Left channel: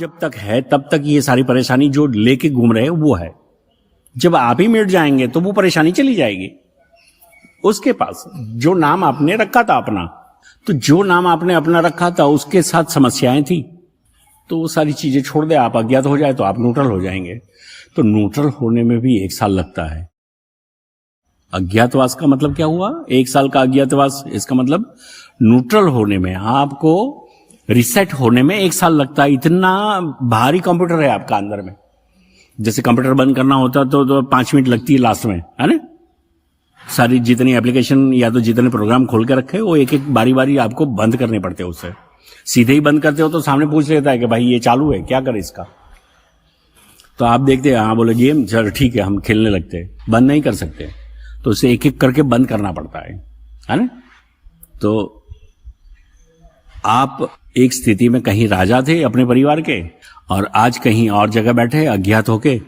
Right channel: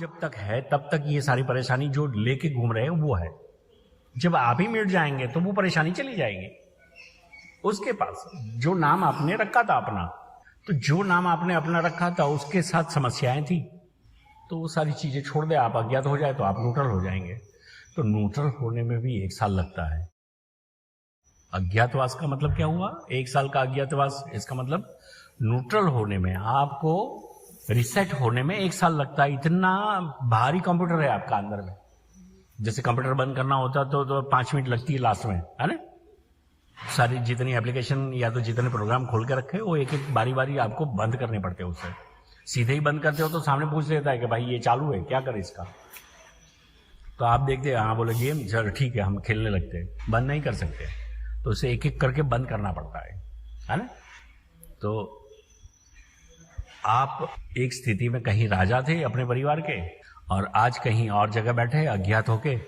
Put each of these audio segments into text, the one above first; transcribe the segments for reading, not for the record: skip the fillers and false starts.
जब तक है तब तक ये सारी परेशानी जो लेके घूम रहे हैं वो है। जब आप ही मिट जाएंगे तो वो परेशानी चली जाएगी। उसके पास जो नाम आपने रखा था अपना, तो जो नाम आपने अपना रखा था उसके साथ समस्याएं थी, तो वो सारी चीजें छोड़ दे। आप अज्ञात हो जाए तो आप न्यूट्रल हो जाएंगे। तो न्यूट्रल होने में भी 1 साल लगता है। अज्ञातवास का मतलब क्या हुआ? 1 साल का अज्ञातवास, इसका मतलब न्यूट्रल होने में, आपको रिसेट होने में 1 साल लगता है। इतना भारी कंप्यूटर है आपका अंदर में। जैसे कंप्यूटर बंद करना होता तो 5 मिनट लगती है लास्ट में, है ना? सारी जितनी एप्लीकेशन या तो जितने प्रोग्राम खोल के रखे वो एक एक बारी बारी आपको बंद करने पड़ते हैं। उससे सीधे ही बंद करते हो तो सामने पूछ लेता है कि भाई ये चालू है, क्या करें इसका? तो आप देखते हैं, हाँ बोले गेम, चल ठीक है, हम खेलने लगते हैं। बंद नहीं कर सकते, तो उसे एक एक करके बंद करना पड़ता है ना? तो आप एक स्थिति में कहीं राजा थे अपने परिवार के, और आज कहीं और जगह बैठे अज्ञात होके,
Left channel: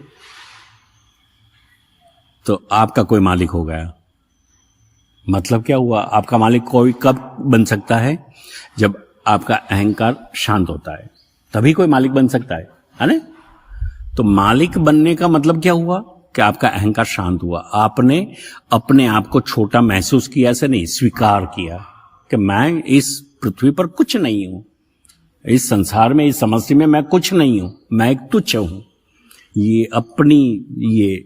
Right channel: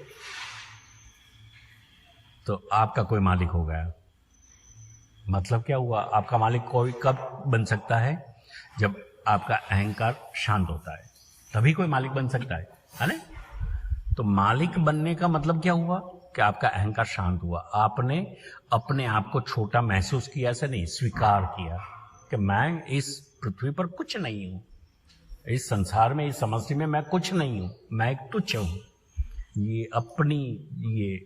तो आपका कोई मालिक हो गया। मतलब क्या हुआ? आपका मालिक कोई कब बन सकता है? जब आपका अहंकार शांत होता है, तभी कोई मालिक बन सकता है ना? तो मालिक बनने का मतलब क्या हुआ? कि आपका अहंकार शांत हुआ। आपने अपने आप को छोटा महसूस किया, ऐसे नहीं, स्वीकार किया कि मैं इस पृथ्वी पर कुछ नहीं हूं, इस संसार में, इस समस्या में मैं कुछ नहीं हूं, मैं एक तुच्छ हूं। ये अपनी ये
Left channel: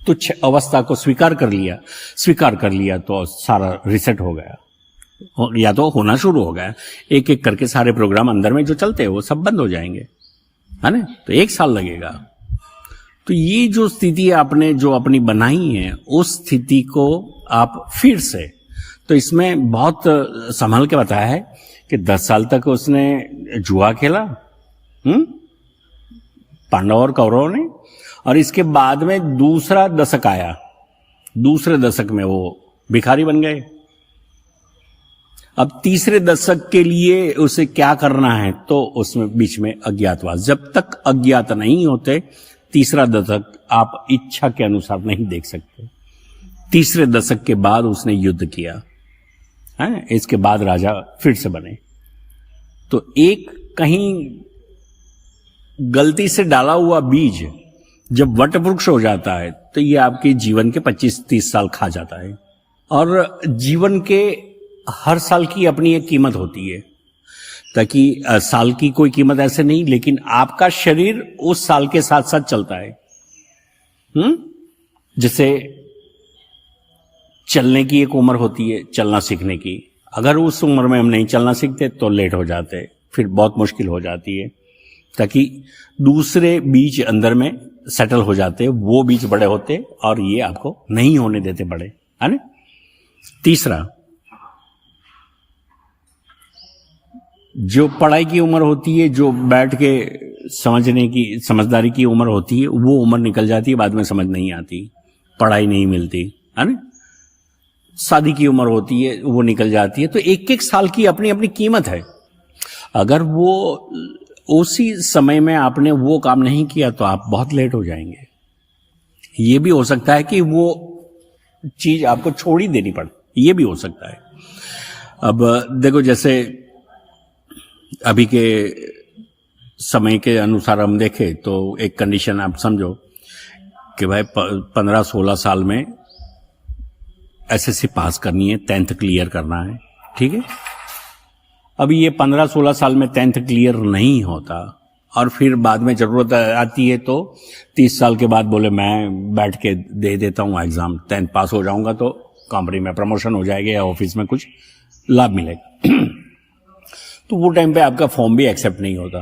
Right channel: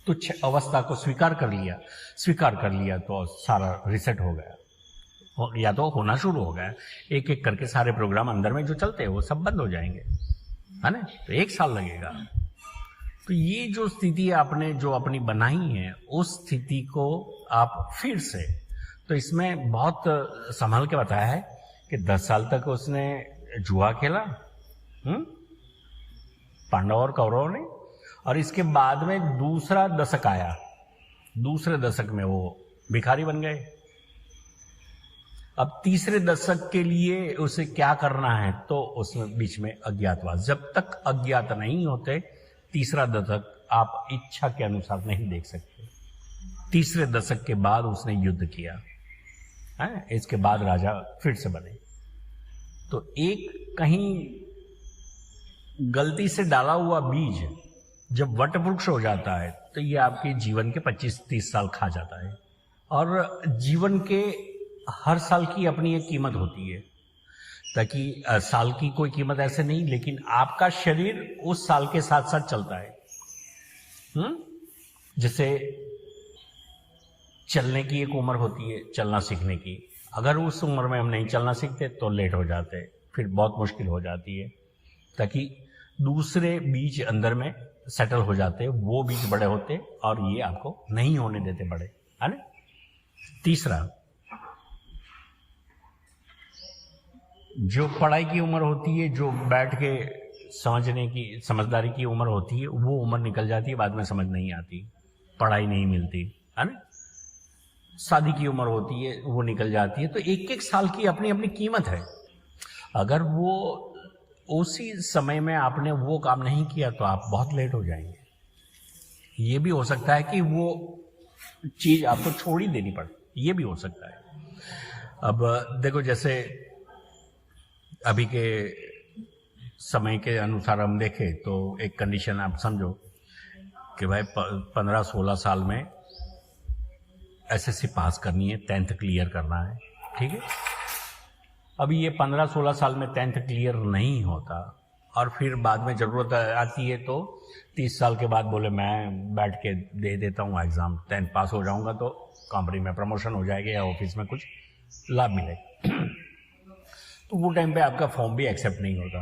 तुच्छ अवस्था को स्वीकार कर लिया तो सारा रिसेट हो गया, या तो होना शुरू हो गया। एक एक करके सारे प्रोग्राम अंदर में जो चलते हैं वो सब बंद हो जाएंगे, है ना? तो 1 साल लगेगा। तो ये जो स्थिति आपने जो अपनी बनाई है, उस स्थिति को आप फिर से, तो इसमें बहुत संभल के बताया है कि 10 साल तक उसने जुआ खेला, पांडव और कौरवों ने, और इसके बाद में दूसरा दशक आया। दूसरे दशक में वो भिखारी बन गए। अब तीसरे दशक के लिए उसे क्या करना है? तो उसमें बीच में अज्ञातवास। जब तक अज्ञात नहीं होते, तीसरा दशक आप इच्छा के अनुसार नहीं देख सकते। तीसरे दशक के बाद उसने युद्ध किया है, इसके बाद राजा फिर से बने। तो एक कहीं गलती से डाला हुआ बीज जब वट वृक्ष हो जाता है, तो ये आपके जीवन के 25-30 साल खा जाता है। और जीवन के हर साल की अपनी एक कीमत होती है, ताकि साल की कोई कीमत ऐसे नहीं, लेकिन आपका शरीर उस साल के साथ साथ चलता है। जैसे चलने की एक उम्र होती है, चलना सीखने की। अगर उस उम्र में हम नहीं चलना सीखते तो लेट हो जाते, फिर बहुत मुश्किल हो जाती है। ताकि दूसरे बीज अंदर में सेटल हो जाते, वो बीज बड़े होते और ये आपको नहीं होने देते बड़े, है ना? तीसरा, जो पढ़ाई की उम्र होती है, जो बैठ के समझने की, समझदारी की उम्र होती है, वो उम्र निकल जाती है, बाद में समझ नहीं आती, पढ़ाई नहीं मिलती, है ना? शादी की उम्र होती है, वो निकल जाती है। तो एक एक साल की अपनी अपनी कीमत है। अगर वो उसी समय में आपने वो काम नहीं किया तो आप बहुत लेट हो जाएंगे। ये भी हो सकता है कि वो चीज आपको छोड़ ही देनी पड़े, ये भी हो सकता है। अब देखो, जैसे अभी के समय के अनुसार हम देखें तो एक कंडीशन आप समझो कि भाई 15-16 साल में एसएससी पास करनी है, 10th क्लियर करना है, ठीक है? अभी ये 15-16 साल में 10th क्लियर नहीं होता, और फिर बाद में जरूरत आती है तो 30 साल के बाद बोले मैं बैठ के दे देता हूँ एग्जाम, 10th पास हो जाऊंगा तो कंपनी में प्रमोशन हो जाएगा या ऑफिस में कुछ लाभ मिलेगा। तो वो टाइम पे आपका फॉर्म भी एक्सेप्ट नहीं होता।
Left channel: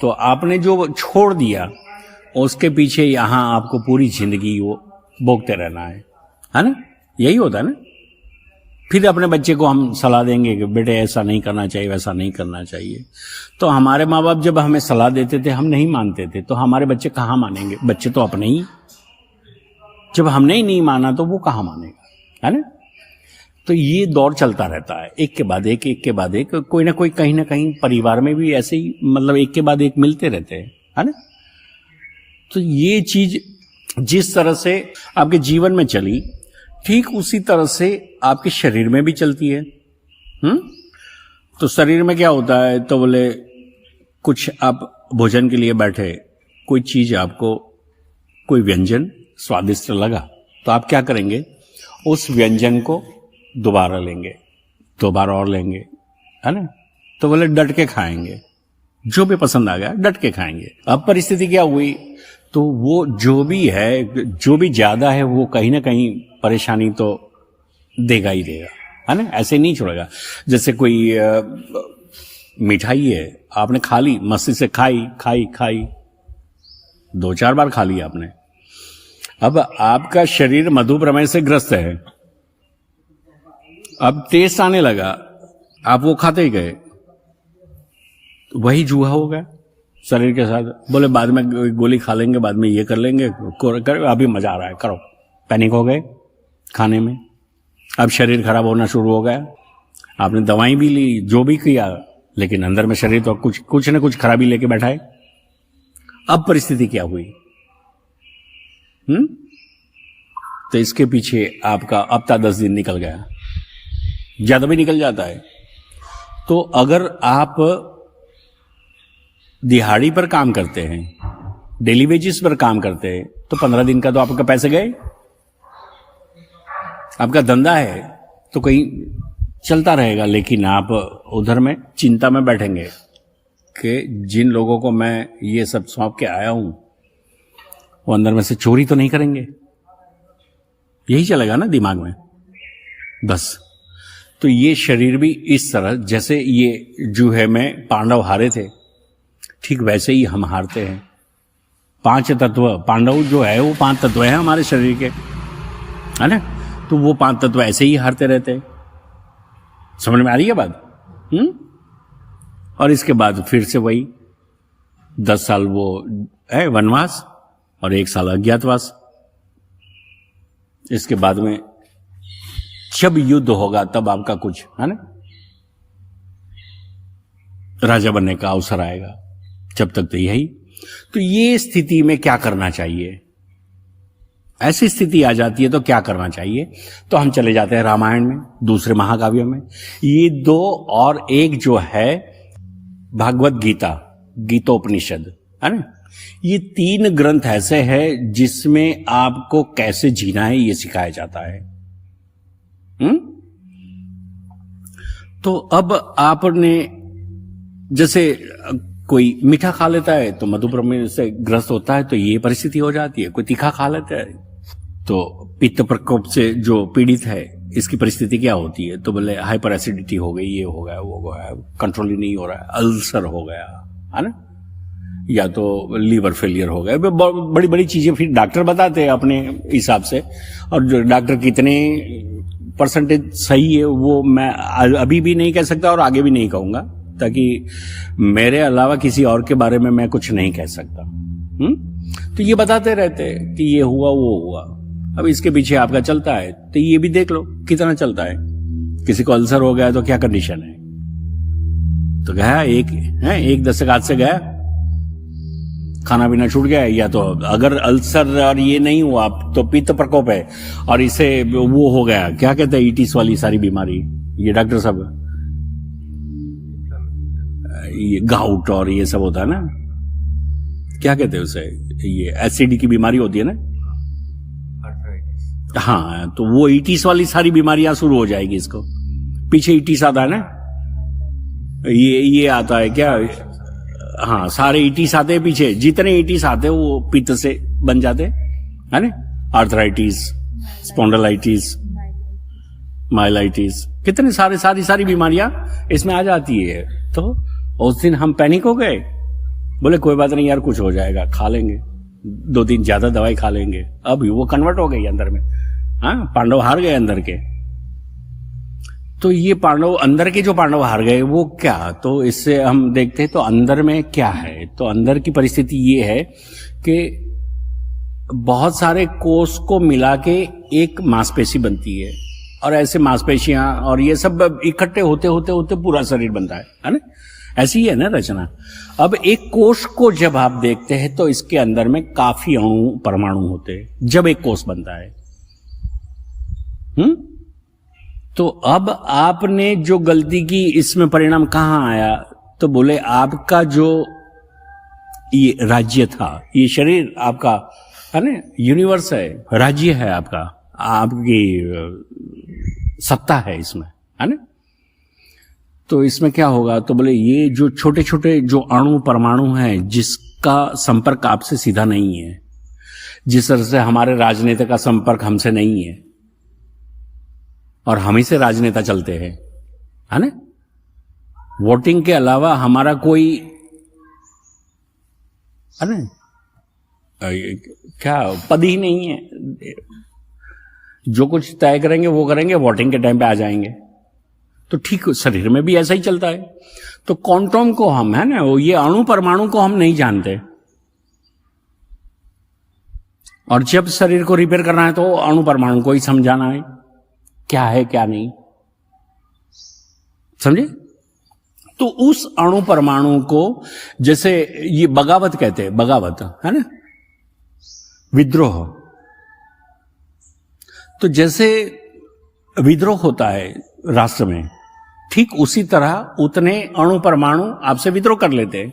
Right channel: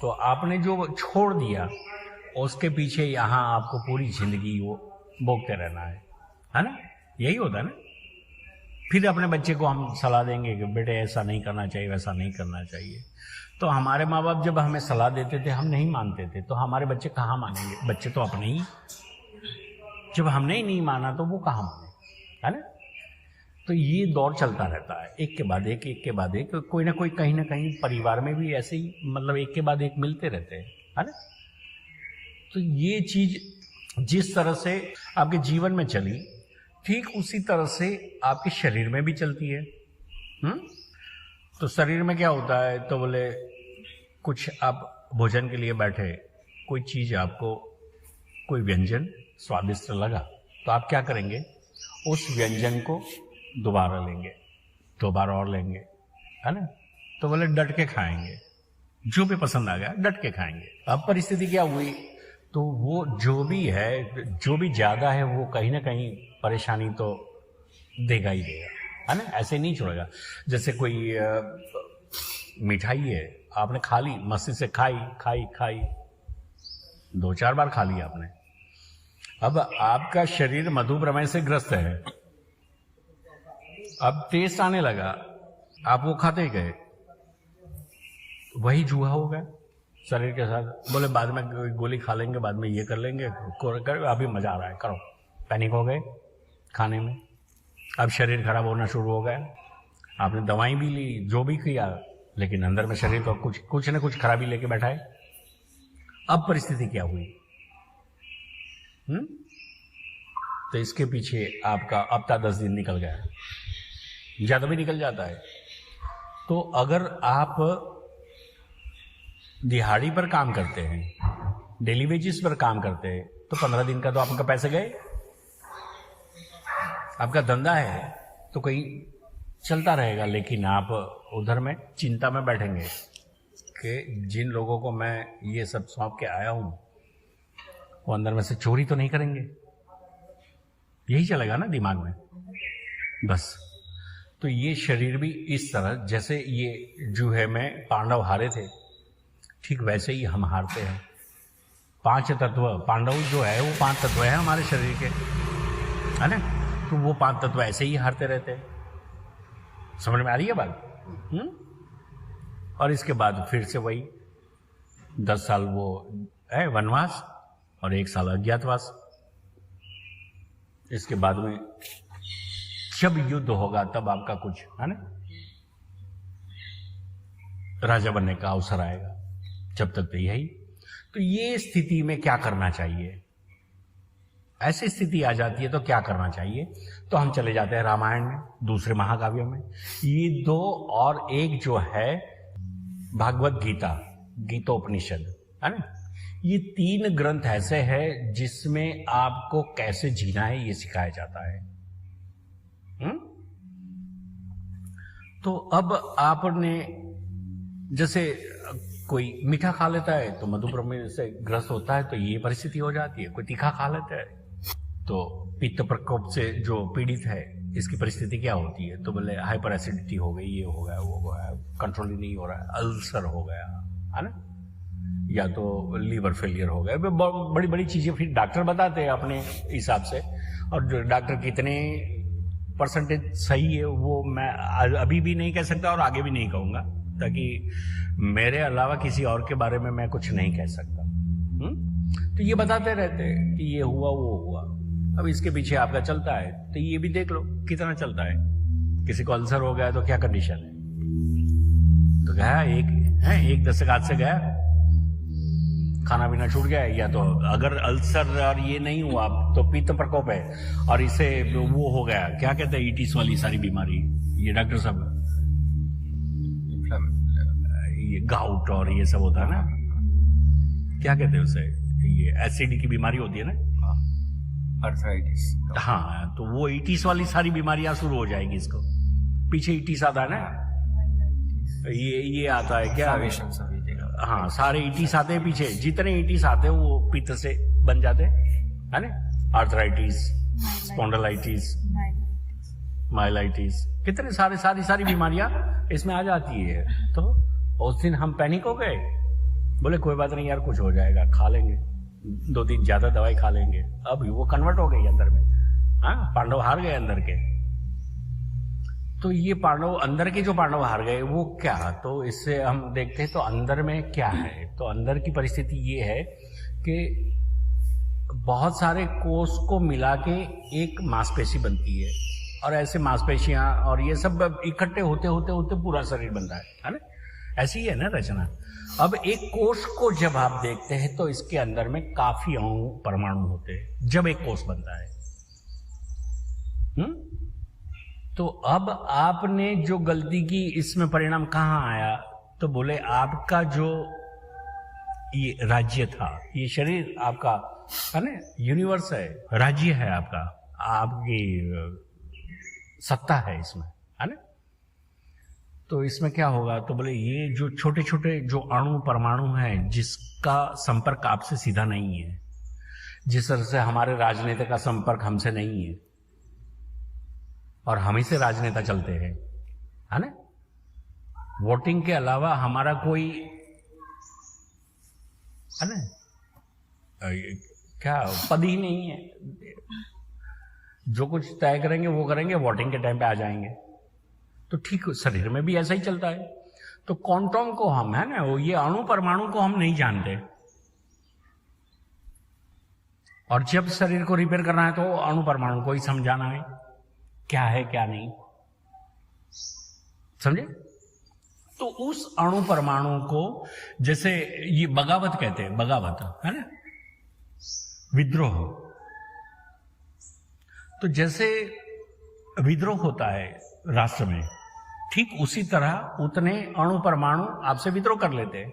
तो आपने जो छोड़ दिया उसके पीछे यहां आपको पूरी जिंदगी वो भोगते रहना है ना? यही होता है ना? फिर अपने बच्चे को हम सलाह देंगे कि बेटे ऐसा नहीं करना चाहिए, वैसा नहीं करना चाहिए। तो हमारे माँ बाप जब हमें सलाह देते थे, हम नहीं मानते थे, तो हमारे बच्चे कहाँ मानेंगे? बच्चे तो अपने ही, जब हमने ही नहीं माना तो वो कहाँ मानेगा, है ना? तो ये दौर चलता रहता है, एक के बाद एक, एक के बाद एक। कोई ना कोई कहीं ना कहीं परिवार में भी ऐसे ही, मतलब एक के बाद एक मिलते रहते हैं, है ना? तो ये चीज जिस तरह से आपके जीवन में चली, ठीक उसी तरह से आपके शरीर में भी चलती है। तो शरीर में क्या होता है? तो बोले कुछ आप भोजन के लिए बैठे, कोई चीज आपको, कोई व्यंजन स्वादिष्ट लगा, तो आप क्या करेंगे, उस व्यंजन को दोबारा लेंगे, दोबारा और लेंगे, है ना। तो बोले डट के खाएंगे, जो भी पसंद आ गया डट के खाएंगे। अब परिस्थिति क्या हुई, तो वो जो भी है, जो भी ज्यादा है, वो कहीं ना कहीं परेशानी तो देगा ही देगा, है ना। ऐसे नहीं छोड़ेगा। जैसे कोई मिठाई है, आपने खा ली, मस्ती से खाई खाई खाई, 2-4 बार खा ली आपने। अब आपका शरीर मधुप्रमेह से ग्रस्त है, अब टेस्ट आने लगा, आप वो खाते ही गए, वही जुआ हो गया शरीर के साथ। बोले बाद में गोली खा लेंगे, बाद में ये कर लेंगे, अभी मजा आ रहा है, करो। पैनिक हो गए खाने में, अब शरीर खराब होना शुरू हो गया। आपने दवाई भी ली, जो भी किया, लेकिन अंदर में शरीर तो कुछ न कुछ खराबी लेके बैठा है। अब परिस्थिति क्या हुई? तो इसके पीछे आपका हफ्ता 10 दिन निकल गया, ज्यादा भी निकल जाता है। तो अगर आप दिहाड़ी पर काम करते हैं, डेली वेजेस पर काम करते हैं, तो 15 दिन का तो आपका पैसे गए। आपका धंधा है तो कहीं चलता रहेगा, लेकिन आप उधर में चिंता में बैठेंगे कि जिन लोगों को मैं ये सब सौंप के आया हूं, वो अंदर में से चोरी तो नहीं करेंगे। यही चलेगा ना दिमाग में, बस। तो ये शरीर भी इस तरह, जैसे ये जूहे में पांडव हारे थे, ठीक वैसे ही हम हारते हैं। 5 तत्व, पांडव जो है वो 5 तत्व है हमारे शरीर के, है ना। तो वो 5 तत्व ऐसे ही हारते रहते हैं। समझ में आ रही है बात? और इसके बाद फिर से वही 10 साल वो है वनवास और 1 साल अज्ञातवास। इसके बाद में जब युद्ध होगा तब आपका कुछ, है ना, राजा बनने का अवसर आएगा। जब तक तो यही। तो ये स्थिति में क्या करना चाहिए? ऐसी स्थिति आ जाती है तो क्या करना चाहिए? तो हम चले जाते हैं रामायण में, दूसरे महाकाव्यों में। ये 2 और एक जो है भागवत गीता, गीतोपनिषद, है ना। ये 3 ग्रंथ ऐसे हैं जिसमें आपको कैसे जीना है ये सिखाया जाता है। तो अब आपने, जैसे कोई मीठा खा लेता है तो मधुप्रमेह से ग्रस्त होता है, तो ये परिस्थिति हो जाती है। कोई तीखा खा लेता है तो पित्त प्रकोप से जो पीड़ित है, इसकी परिस्थिति क्या होती है? तो बोले हाइपर एसिडिटी हो गई, ये हो गया, वो हो गया, कंट्रोल ही नहीं हो रहा है, अल्सर हो गया, है ना, या तो लीवर फेलियर हो गया। बड़ी बड़ी चीजें फिर डॉक्टर बताते हैं अपने हिसाब से, और जो डॉक्टर कितने परसेंटेज सही है वो मैं अभी भी नहीं कह सकता और आगे भी नहीं कहूंगा, ताकि मेरे अलावा किसी और के बारे में मैं कुछ नहीं कह सकता। तो ये बताते रहते हैं कि ये हुआ वो हुआ। अब इसके पीछे आपका चलता है तो ये भी देख लो कितना चलता है। किसी को अल्सर हो गया तो क्या कंडीशन है? तो गया एक दस्तक हाथ से गया, खाना पीना छूट गया, या तो अगर अल्सर और ये नहीं हुआ तो पित्त प्रकोप है और इसे वो हो गया, क्या कहते हैं, ईटिस वाली सारी बीमारी, ये डॉक्टर साहब ये गाउट और ये सब होता है ना, क्या कहते हैं उसे, ये एसिड की बीमारी होती है ना, आर्थराइटिस। हाँ, तो वो ईटिस वाली सारी बीमारियां शुरू हो जाएगी। इसको पीछे ईटिस आता है ना, ये आता है क्या, हाँ, सारे ईटिस आते हैं पीछे, जितने ईटिस आते हैं वो पित्त से बन जाते है ना, आर्थराइटिस, स्पॉन्डिलाइटिस, माइलाइटिस, कितने सारी बीमारियां इसमें आ जाती है। तो उस दिन हम पैनिक हो गए, बोले कोई बात नहीं यार, कुछ हो जाएगा, खा लेंगे, 2-3 ज्यादा दवाई खा लेंगे। अब वो कन्वर्ट हो गई अंदर में। हाँ, पांडव हार गए अंदर के। तो ये पांडव, अंदर के जो पांडव हार गए वो क्या, तो इससे हम देखते हैं तो अंदर में क्या है। तो अंदर की परिस्थिति ये है कि बहुत सारे कोष को मिला के एक मांसपेशी बनती है, और ऐसे मांसपेशियां और ये सब इकट्ठे होते होते होते पूरा शरीर बनता है ना। ऐसी ही है ना रचना। अब एक कोष को जब आप देखते हैं तो इसके अंदर में काफी अणु परमाणु होते हैं जब एक कोष बनता है। तो अब आपने जो गलती की, इसमें परिणाम कहां आया, तो तो बोले आपका जो ये राज्य था, ये शरीर आपका है ना, यूनिवर्स है, राज्य है आपका, आपकी सत्ता है इसमें, है ना। तो इसमें क्या होगा, तो बोले ये जो छोटे छोटे जो अणु परमाणु हैं जिसका संपर्क आपसे सीधा नहीं है, जिस तरह से हमारे राजनेता का संपर्क हमसे नहीं है और हम ही से राजनेता चलते हैं, है ना। वोटिंग के अलावा हमारा कोई, है ना, क्या पद ही नहीं है। जो कुछ तय करेंगे वो करेंगे, वोटिंग के टाइम पे आ जाएंगे। तो ठीक शरीर में भी ऐसा ही चलता है। तो क्वांटम को हम, है ना, ये अणु परमाणु को हम नहीं जानते, और जब शरीर को रिपेयर करना है तो अणु परमाणु को ही समझाना है क्या है क्या नहीं, समझे। तो उस अणु परमाणु को, जैसे ये बगावत कहते हैं, बगावत है ना, विद्रोह। तो जैसे विद्रोह होता है राष्ट्र में, ठीक उसी तरह उतने अणु परमाणु आपसे विद्रोह कर लेते हैं।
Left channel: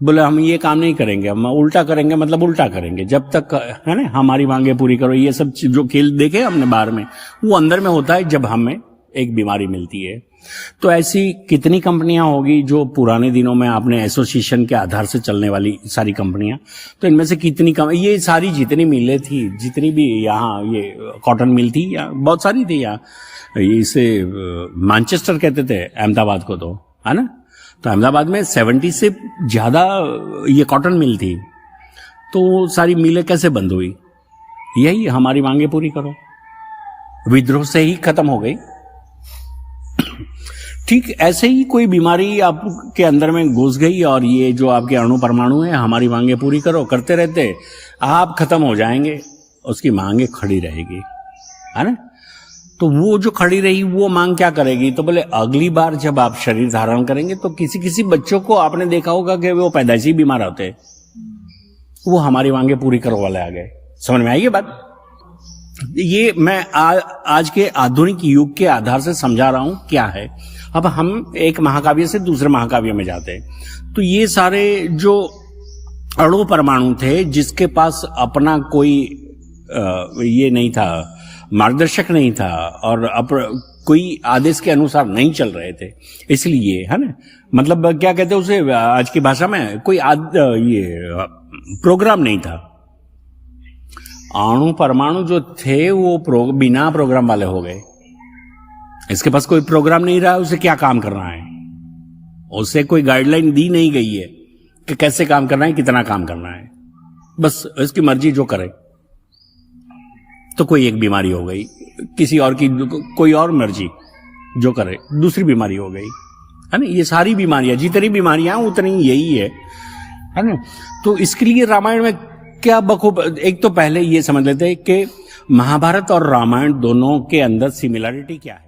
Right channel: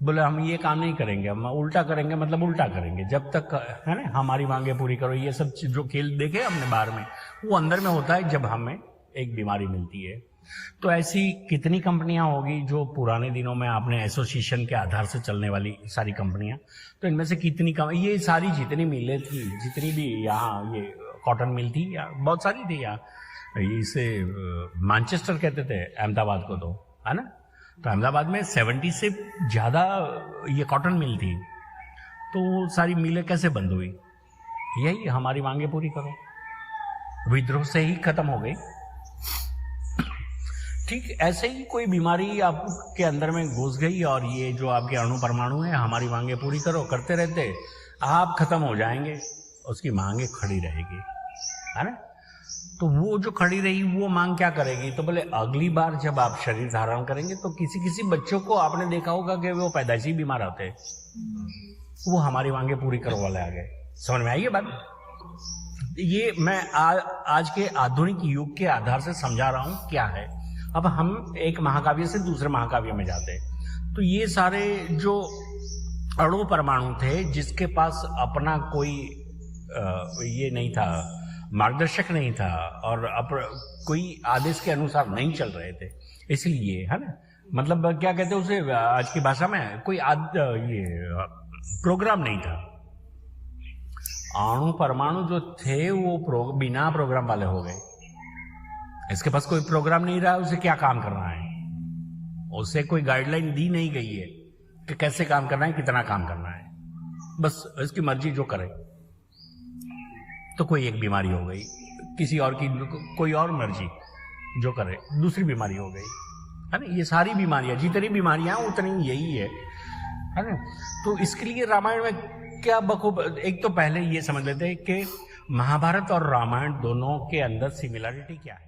बोले हम ये काम नहीं करेंगे, हम उल्टा करेंगे, मतलब उल्टा करेंगे जब तक, है ना, हमारी मांगे पूरी करो। ये सब जो खेल देखे हमने बाहर में, वो अंदर में होता है जब हमें एक बीमारी मिलती है। तो ऐसी कितनी कंपनियां होगी जो पुराने दिनों में आपने एसोसिएशन के आधार से चलने वाली सारी कंपनियां, तो इनमें से कितनी ये सारी जितनी मिलें थी, जितनी भी यहाँ ये कॉटन मिल थी, या बहुत सारी थी यहाँ, इसे मैनचेस्टर कहते थे अहमदाबाद को, तो है ना। तो अहमदाबाद में 70 से ज्यादा ये कॉटन मिल थी। तो सारी मिलें कैसे बंद हुई? यही हमारी मांगे पूरी करो, विद्रोह से ही खत्म हो गई। ठीक ऐसे ही कोई बीमारी आपके अंदर में घुस गई, और ये जो आपके अणु परमाणु है, हमारी मांगे पूरी करो करते रहते, आप खत्म हो जाएंगे, उसकी मांगे खड़ी रहेगी, है ना। तो वो जो खड़ी रही वो मांग क्या करेगी? तो बोले अगली बार जब आप शरीर धारण करेंगे तो किसी किसी बच्चों को आपने देखा होगा कि वो पैदाइशी बीमार होते हैं, वो हमारी मांगे पूरी करो वाले आ गए। समझ में आई ये बात? ये मैं आज के आधुनिक युग के आधार से समझा रहा हूं क्या है। अब हम एक महाकाव्य से दूसरे महाकाव्य में जाते हैं, तो ये सारे जो अणु परमाणु थे जिसके पास अपना कोई ये नहीं था, मार्गदर्शक नहीं था, और कोई आदेश के अनुसार नहीं चल रहे थे, इसलिए, है ना, मतलब क्या कहते हैं उसे आज की भाषा में, कोई ये प्रोग्राम नहीं था। अणु परमाणु जो थे वो बिना प्रोग्राम वाले हो गए। इसके पास कोई प्रोग्राम नहीं रहा, उसे क्या काम करना है, उसे कोई गाइडलाइन दी नहीं गई है कि कैसे काम करना है, कितना काम करना है, बस इसकी मर्जी जो करे। तो कोई एक बीमारी हो गई, किसी और की कोई और मर्जी जो करे, दूसरी बीमारी हो गई, है ना। ये सारी बीमारियां, जितनी बीमारियां उतनी यही है ना। तो इसके लिए रामायण में क्या बखूब, एक तो पहले ये समझ लेते हैं कि महाभारत और रामायण दोनों के अंदर सिमिलरिटी क्या है।